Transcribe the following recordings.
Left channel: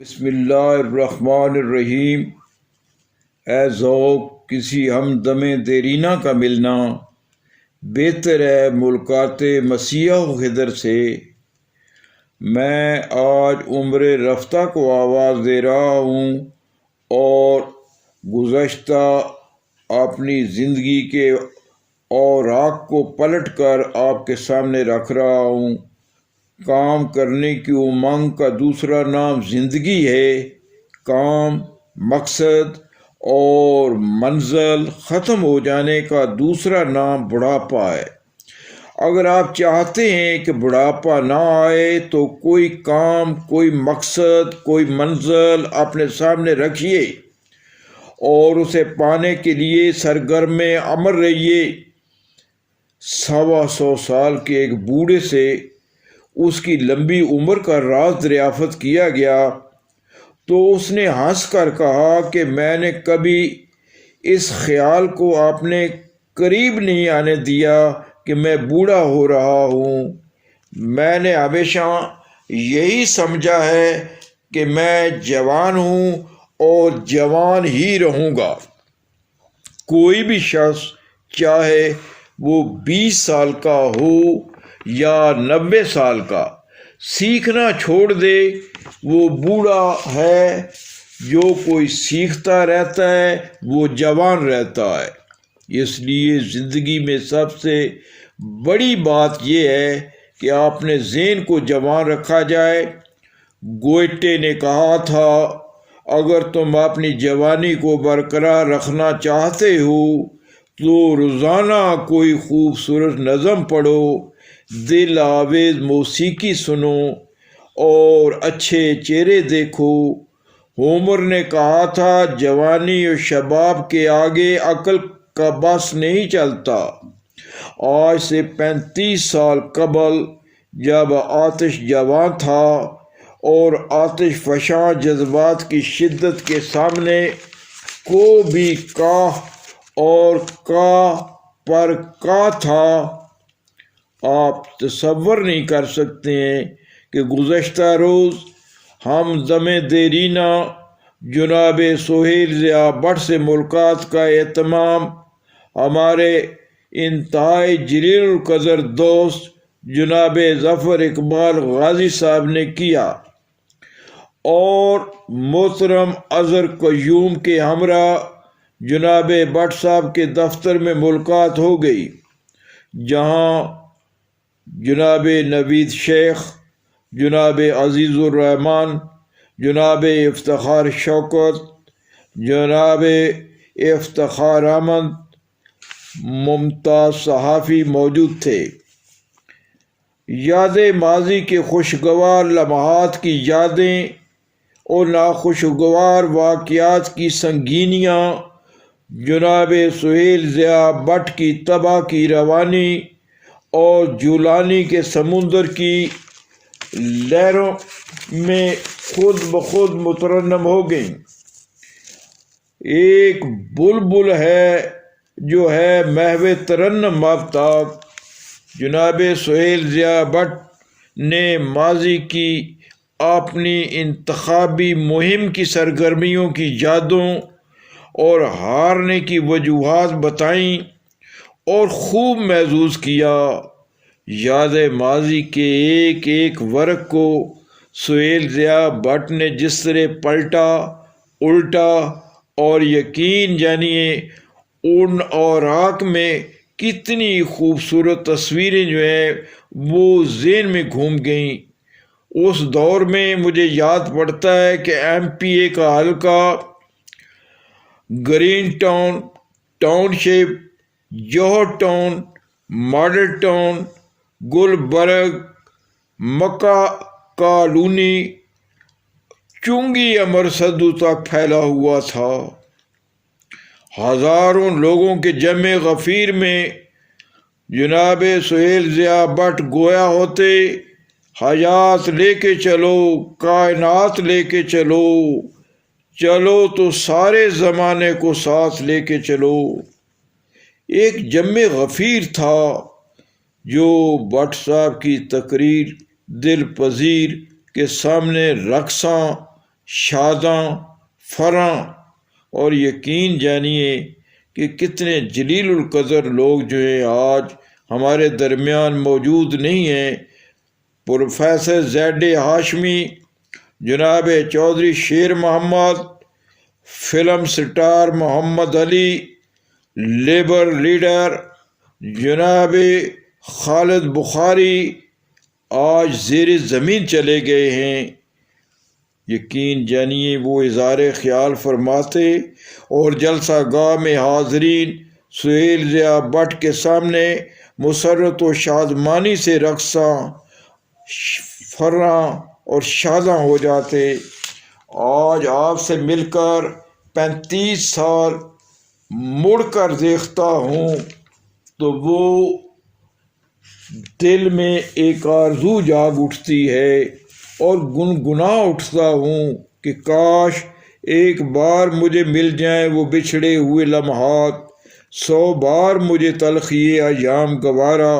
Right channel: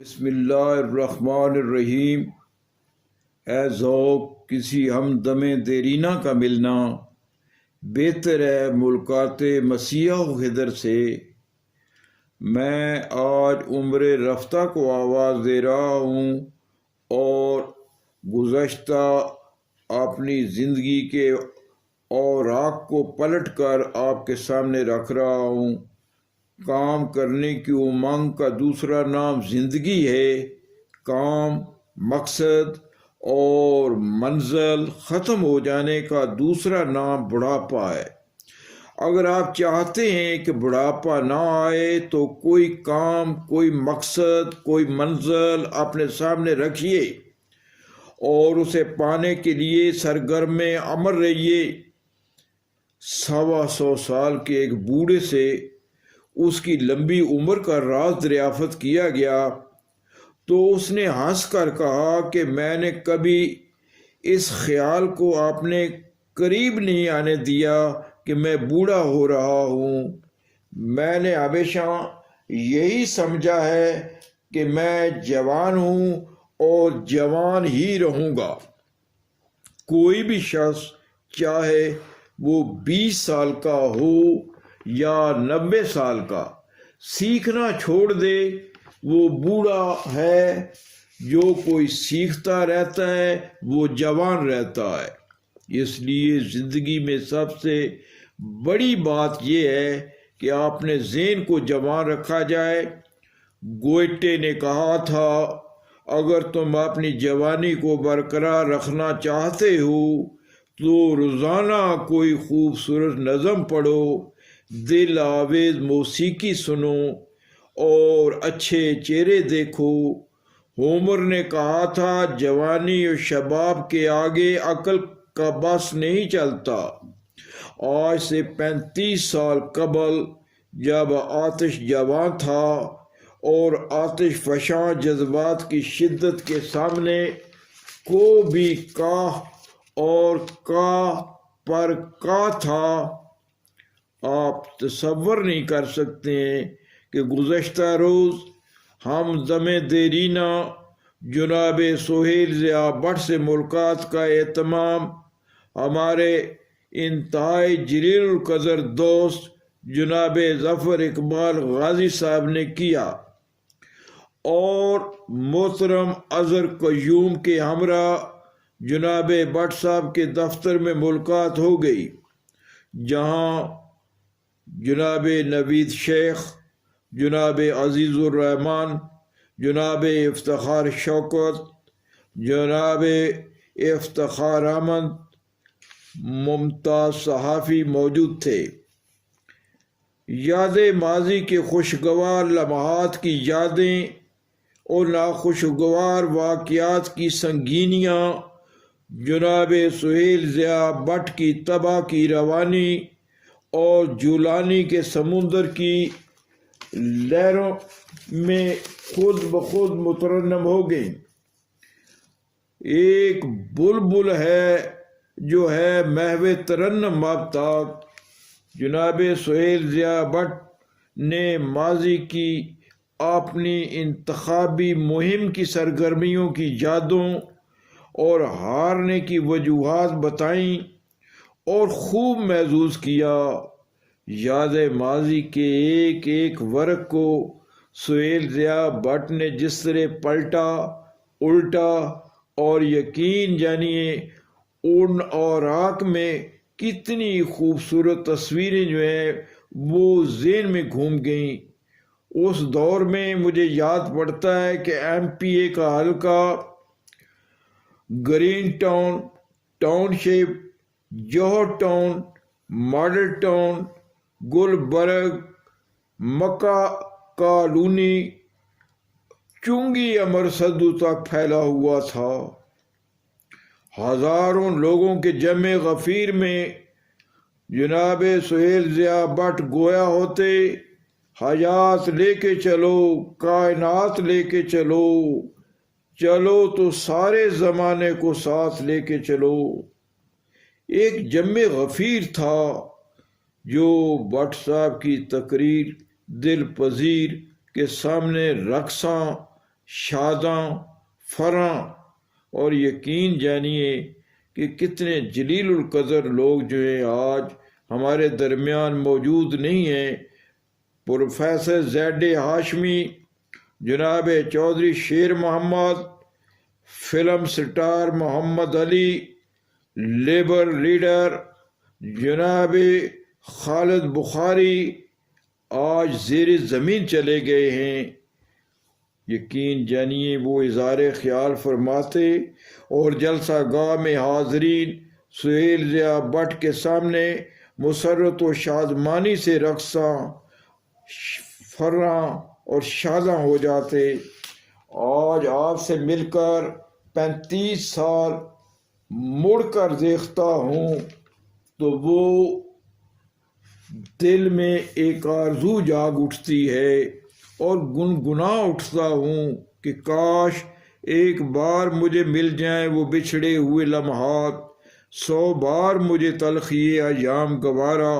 بسم اللہ الرحمن الرحیم۔ اے ذوق کسی ہمدم دیرینہ کا ملنا، بہتر ہے ملاقات مسیح و خضر سے۔ میں آج عمر رفتہ کو آواز دے رہا ہوں اور گزشتہ اپنی زندگی کے اوراق کو پلٹ کر آپ کے سامنے رکھ رہا ہوں۔ کام کرنے کی امنگ کا دوسرا نام زندگی ہے۔ کام، مقصد اور منزل ختم ہو جانے کا دوسرا نام بڑھاپا ہے۔ اگر آپ چاہتے ہیں کہ بڑھاپا نہ آئے تو کوئی کام، کوئی مقصد، کوئی منزل اپنے سامنے رکھیے اور اسے پانے کے لیے سرگرم عمل رہیے۔ 125 سال کے ایک بوڑھے سے اس کی لمبی عمر کا راز دریافت کیا گیا تو اس نے ہنس کر کہا کہ میں نے کبھی اس خیال کو اپنے قریب نہیں آنے دیا کہ میں بوڑھا ہو رہا ہوں۔ میں نے ہمیشہ یہی سمجھا ہے کہ میں جوان ہوں اور جوان ہی رہوں گا۔ کوئی بھی شخص چاہے وہ 20 سال کا ہو یا 90 سال کا، سیکھنا چھوڑ دے وہ بوڑھا ہے۔ جو کوئی سیکھتا رہتا ہے وہ جوان رہتا ہے۔ اس لیے زندگی میں سب سے بڑی بات یہ ہے کہ اپنے ذہن کو جوان رکھا جائے۔ گوئٹے نے کہا تھا، اگر تم اپنی جوانی کو برقرار رکھنا چاہتے ہو تو روزانہ کوئی خوبصورت نظم پڑھو، دل آویز موسیقی سنو اور اچھے چہرے دیکھو۔ ہومر نے کہا تھا، جوانی اور شباب کے آگے عقل کا بس نہیں چلتا۔ آج سے 35 سال قبل جب آتش جوان تھا اور آتش فشاں جذبات کی شدت کے سامنے کو بھی کاہ اور کاہ پر کا تھا، آپ تصور نہیں کر سکتے ہیں کہ گزشتہ روز ہمدم دیرینہ جناب سہیل ضیاء بٹ سے ملاقات کا اہتمام ہمارے انتہائی جلیل القدر دوست جناب ظفر اقبال غازی صاحب نے کیا اور محترم اظہر قیوم کے ہمراہ جناب بٹ صاحب کے دفتر میں ملاقات ہو گئی، جہاں جناب نوید شیخ، جناب عزیز الرحمن، جناب افتخار شوکت، جناب افتخار احمد ممتاز صحافی موجود تھے۔ یاد ماضی کے خوشگوار لمحات کی یادیں اور ناخوشگوار واقعات کی سنگینیاں، جناب سہیل ضیاء بٹ کی تباہ کی روانی اور جولانی کے سمندر کی لہروں میں خود بخود مترنم ہو گئیں۔ ایک بلبل ہے جو ہے محو ترنم آفتاب۔ جناب سہیل ضیاء بٹ نے ماضی کی اپنی انتخابی مہم کی سرگرمیوں کی یادوں اور ہارنے کی وجوہات بتائیں اور خوب محظوظ کیا۔ یاد ماضی کے ایک ایک ورق کو سہیل ضیاء بٹ نے جس طرح پلٹا، الٹا اور یقین جانیے ان اوراق میں کتنی خوبصورت تصویریں جو ہیں وہ ذہن میں گھوم گئیں۔ اس دور میں مجھے یاد پڑتا ہے کہ ایم پی اے کا حلقہ گرین ٹاؤن، ٹاؤن شپ، جوہر ٹاؤن، ماڈل ٹاؤن، گلبرگ، مکہ کالونی، چنگی امرصدو تک پھیلا ہوا تھا۔ ہزاروں لوگوں کے جمع غفیر میں جناب سہیل ضیاء بٹ گویا ہوتے، حیات لے کے چلو، کائنات لے کے چلو، چلو تو سارے زمانے کو ساتھ لے کے چلو۔ ایک جمع غفیر تھا جو بٹ صاحب کی تقریر دل پذیر کے سامنے رقصاں شاداں، فراں، اور یقین جانیے کہ کتنے جلیل القدر لوگ جو ہیں آج ہمارے درمیان موجود نہیں ہیں۔ پروفیسر زید ہاشمی، جناب چودھری شیر محمد، فلم سٹار محمد علی، لیبر لیڈر جناب خالد بخاری آج زیر زمین چلے گئے ہیں۔ یقین جانیے وہ اظہار خیال فرماتے اور جلسہ گاہ میں حاضرین سہیل ضیاء بٹ کے سامنے مسرت و شادمانی سے رقصاں، فراں اور شاداں ہو جاتے۔ آج آپ سے مل کر 35 سال مڑ کر دیکھتا ہوں تو وہ دل میں ایک آرزو جاگ اٹھتی ہے اور گنگنا اٹھتا ہوں کہ کاش ایک بار مجھے مل جائیں وہ بچھڑے ہوئے لمحات، 100 بار مجھے تلخی ایام گوارا۔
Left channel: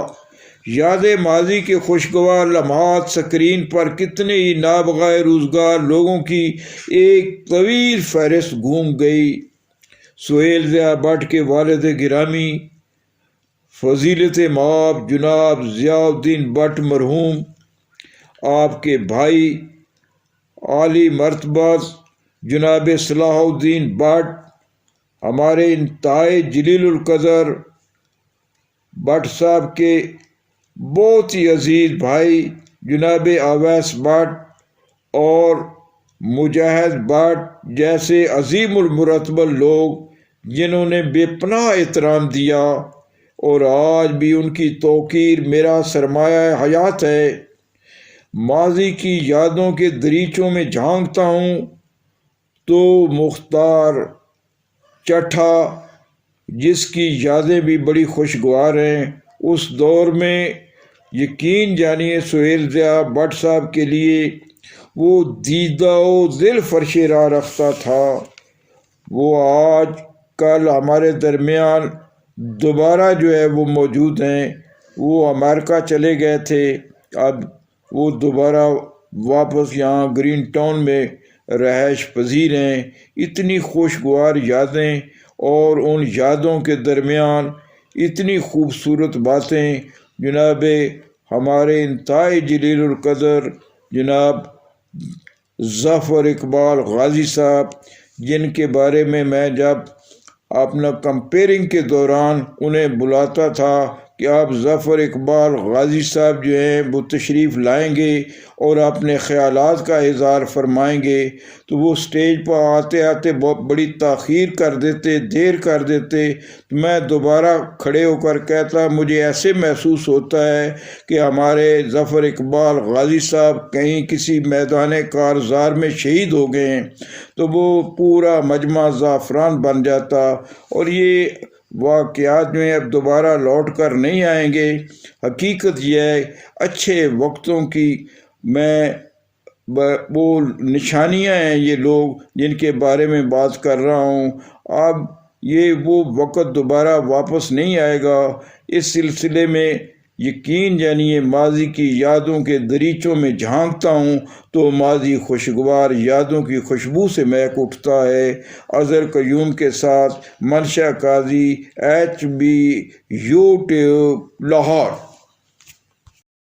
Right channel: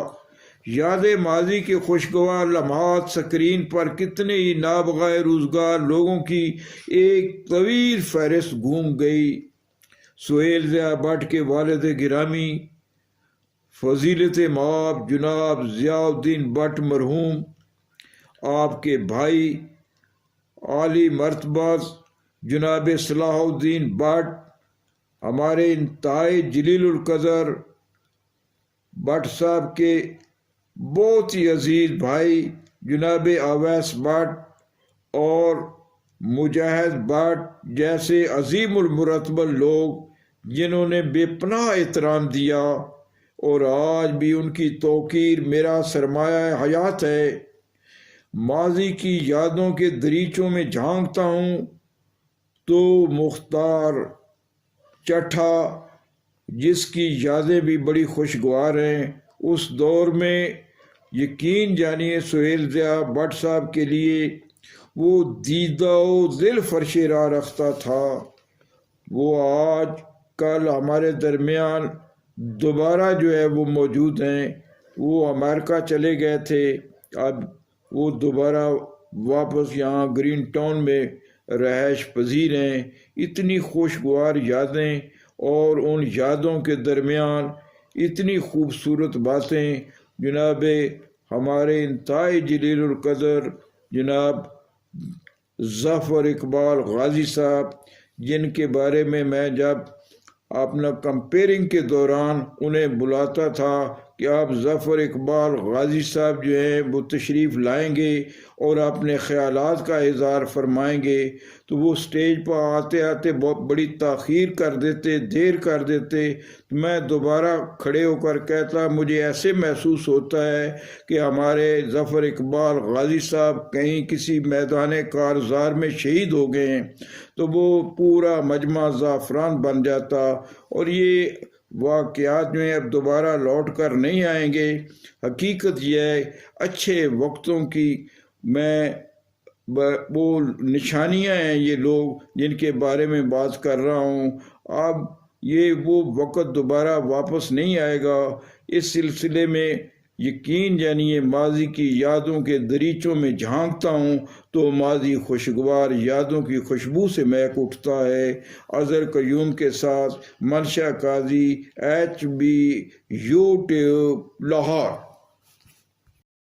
یاد ماضی کے خوشگوار لمحات سکرین پر کتنے ہی نابغہ روزگار لوگوں کی ایک طویل فہرست گھوم گئی۔ سہیل ضیاء بٹ کے والد گرامی فضیلت مآب جناب ضیاء الدین بٹ مرحوم، آپ کے بھائی عالی مرتبہ جناب صلاح الدین بٹ، ہمارے انتہائی جلیل القدر بٹ صاحب کے بہت ہی عزیز بھائی جناب اویس بٹ اور مجاہد بٹ جیسے عظیم المرتبہ لوگ جنہوں نے بے پناہ احترام دیا اور آج بھی ان کی توقیر میرا سرمایہ حیات ہے۔ ماضی کی یادوں کے دریچوں میں جھانکتا ہوں تو مختار چٹھا، جس کی یادیں بھی بڑی خوشگوار ہیں، اس دور میں یقین جانیے سہیل ضیاء بٹ صاحب کے لیے وہ دیدہ و دل فرش راہ رکھتا تھا۔ وہ آج کل ہمارے درمیان دوبارہ جو ہے وہ موجود ہیں۔ وہ امریکہ چلے گئے تھے، اب وہ دوبارہ واپس یہاں گرین ٹاؤن میں رہائش پذیر ہیں۔ اتنی خوشگوار یادیں اور ان یادوں کے درمیان اتنی خوبصورت باتیں جناب ہمارے انتہائی جلیل القدر جناب ظفر اقبال غازی صاحب، جن کے بارے میں جب اپنا کمپیئرنگ کے دوران انہیں بلاتا تھا کہ آپ ظفر اقبال غازی صاحب جو ہیں وہ تشریف لائیں گے اور اپنے خیالات کا اظہار فرمائیں گے، تو وہ سٹیج پر آتے آتے بہت بڑی تاخیر کر دیتے، دیر کر دیتے۔ تو میں دوبارہ کھڑے ہو کر کہتا مجھے ایسے محسوس ہوتا ہے کہ ہمارے ظفر اقبال غازی صاحب کہیں کسی میدان کارزار میں شہید ہو گئے ہیں، تو وہ پورا مجمع زعفران بن جاتا۔ اور یہ واقعات جو ہیں اب دوبارہ لوٹ کر نہیں آئیں گے۔ حقیقت یہ ہے اچھے وقتوں کی میں وہ نشانیاں ہیں یہ لوگ جن کے بارے میں بات کر رہا ہوں۔ اب یہ وہ وقت دوبارہ واپس نہیں آئے گا۔ اس سلسلے میں یقین جانیے ماضی کی یادوں کے دریچوں میں جھانکتا ہوں تو ماضی خوشگوار یادوں کی خوشبو سے مہک اٹھتا ہے۔ اظہر قیوم کے ساتھ منشا قاضی، HB، YouTube، لاہور۔